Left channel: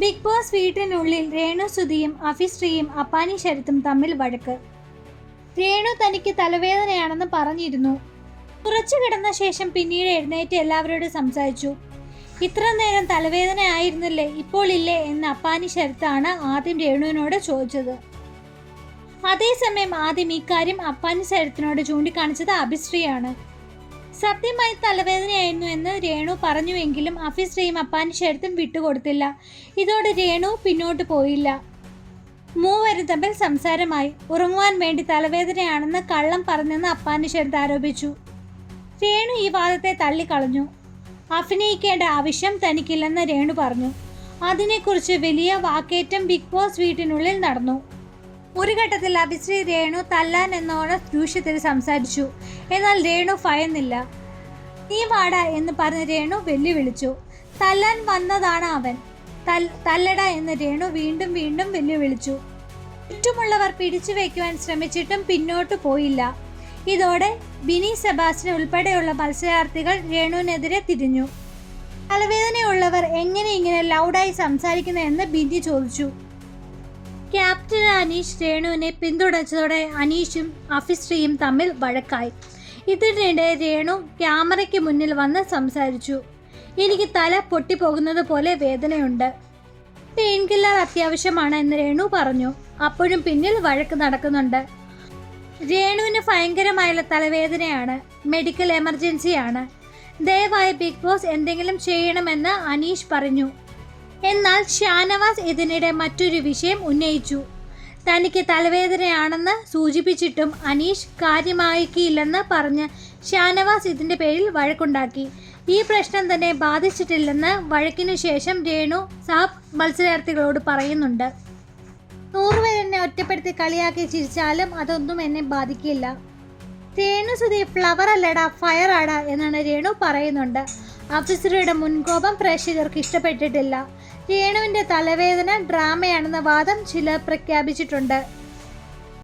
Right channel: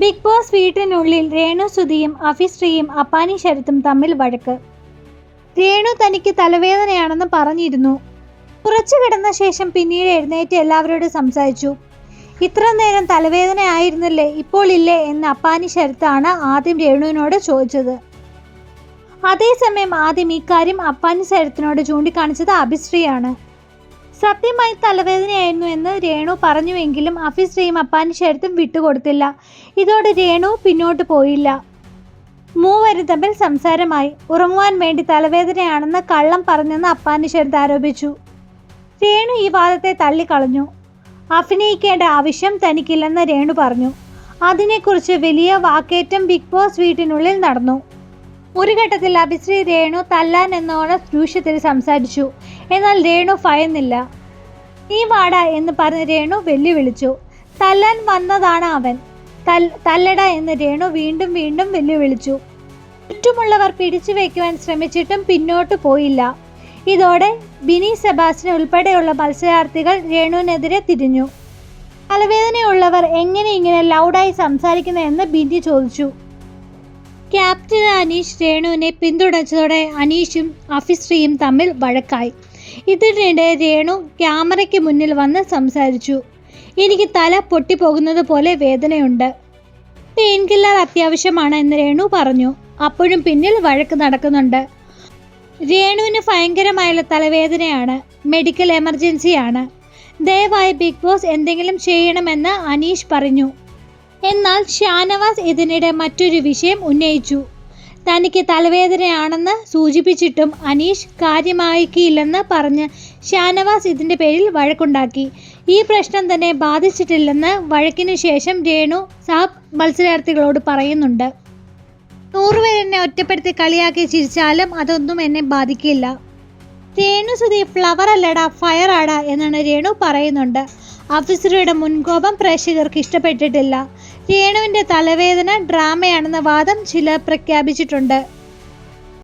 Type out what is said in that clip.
Big boss വീട്ടിനുള്ളിൽ രേണു സുധിയും അഭിശ്രീയും അപ്പാനി ശരത്തും തമ്മിൽ വഴക്ക്. രേണു തനിക്ക് തലവേദനയാണെന്ന് പറഞ്ഞിരുന്നു. കുറച്ചു കിടന്ന ശേഷം പിന്നീട് എഴുന്നേറ്റ് എല്ലാവരോടും സംസാരിച്ചു. ഇത്ര നേരം തലവേദന ആയിരുന്നില്ലേ, ഇപ്പോൾ ഇല്ലേ എന്ന് അപ്പാനി ശരത്താണ് ആദ്യം രേണുവിനോട് ചോദിച്ചത്. അതേസമയം ആദ്യം ഇക്കാര്യം അപ്പാനി ശരത്തിനോട് ചൂണ്ടിക്കാണിച്ചത് അഭിശ്രീയാണ്. സത്യമായി തലവേദനയായിരുന്നു എന്ന് രേണു പറഞ്ഞുവെങ്കിലും അഭിശ്രീയും അപ്പാനി ശരത്തും വിട്ടുകൊടുത്തില്ല. ഇതോടെ രേണു പിന്നോട്ട് പോയില്ല. മൂവരും തമ്മിൽ സംസാരമായി. ഉറങ്ങുവാൻ വേണ്ടി തലവേദനയാണെന്ന് കള്ളം പറഞ്ഞെന്ന് അപ്പാനി ശരത്ത് ആരോപിച്ചു. രേണു ഈ വാദത്തെ തള്ളിക്കളഞ്ഞു. അഭിനയിക്കേണ്ട ആവശ്യം തനിക്കില്ലെന്ന് രേണു പറഞ്ഞു. അതിനെക്കുറിച്ച് വലിയ വാക്കേറ്റം ബിഗ് ബോസ് വീട്ടിനുള്ളിൽ നടന്നു. ഒരു ഘട്ടത്തിൽ അഭിശ്രീ രേണു തല്ലാൻ എന്നോണം രൂക്ഷത്തിൽ സംസാരിച്ചു. എന്നാൽ രേണു ഭയന്നില്ല. നീ വാടാ എന്ന് പറഞ്ഞ് രേണു വെല്ലുവിളിച്ചു. തല്ലാൻ വന്നതാണ് അവൻ, തല്ലട എന്ന് രേണു വീണ്ടും വീണ്ടും വെല്ലുവിളിച്ചു. ചുറ്റുമുള്ളവർ പിടിച്ചു വയ്ക്കുവാൻ ശ്രമിച്ചിട്ടും പിന്നോട്ട് പോയില്ല. ഇതോടെ ബിനി സെബാസ്റ്റ്യൻ ഉൾപ്പെടെയുള്ള മത്സരാർത്ഥികൾ രേണുവിനെതിരെ തിരിഞ്ഞു. തലവേദനയുള്ളവർ എങ്ങനെ ഇങ്ങനെ ലൗഡായി സംസാരിക്കുന്നതെന്ന് ബിനി ചോദിച്ചു. ക്യാപ്റ്റൻ അനീഷ് രേണുവിനെ പിന്തുണച്ചതോടെ അനീഷും അഭിശ്രീയും തമ്മിൽ വഴക്കായി. ഇതിനിടെ രേണു ക്യാമറയ്ക്ക് മുന്നിൽ വന്ന് സംസാരിച്ചു. എനിക്ക് തല പൊട്ടിപ്പോകുന്നത് പോലെ വേദനയുണ്ട്, പെയിൻ കില്ലർ അത്യാവശ്യമാണ് എന്ന് രേണു പറഞ്ഞു. അപ്പോഴും പിന്നിൽ വഴക്ക് നടക്കുന്നുണ്ട്. രേണുവിന് ഭയങ്കരമായുള്ള തലവേദനയാണ്, മെഡിക്കൽ എമർജൻസിയാണ്, ദയവായി ബിഗ് ബോസ് എന്തെങ്കിലും ചെയ്യണമെന്ന് അനീഷ് പറഞ്ഞു. എന്നാൽ ഷാനവാസ് ഇതിനിടെ മറ്റൊരു വിഷയം ഉന്നയിച്ചു. തനിക്ക് തലവേദനയാണെന്ന് സൂചിപ്പിച്ചിട്ടും അനീഷ് കാര്യമാക്കിയില്ലെന്ന് പറഞ്ഞ് ഷാനവാസ് ഇതിൻ്റെ പേരിൽ വഴക്കുണ്ടാക്കി. ഈ പ്രശ്നം തന്നെ ബാധിച്ചിട്ടില്ലെന്ന് വഴക്കിന് ശേഷം രേണു സഹ മത്സരാർത്ഥികളോട് പറയുന്നുണ്ട്. 100 പേർ എന്നെ ഒറ്റപ്പെടുത്തി കളിയാക്കി ചിരിച്ചാലും അതൊന്നും എന്നെ ബാധിക്കില്ല. രേണു സുധി ഫ്ലവർ അല്ലടാ ഫയർ ആടാ എന്നാണ് രേണു പറയുന്നുണ്ട്. അഭിശ്രീയുടെ മുൻകോപം പ്രേക്ഷകർക്ക് ഇഷ്ടപ്പെട്ടിട്ടില്ല. രേണുവിൻ്റെ തലവേദന ഡ്രാമയാണെന്ന വാദം ചിലർ പ്രഖ്യാപിച്ചിട്ടുണ്ട്.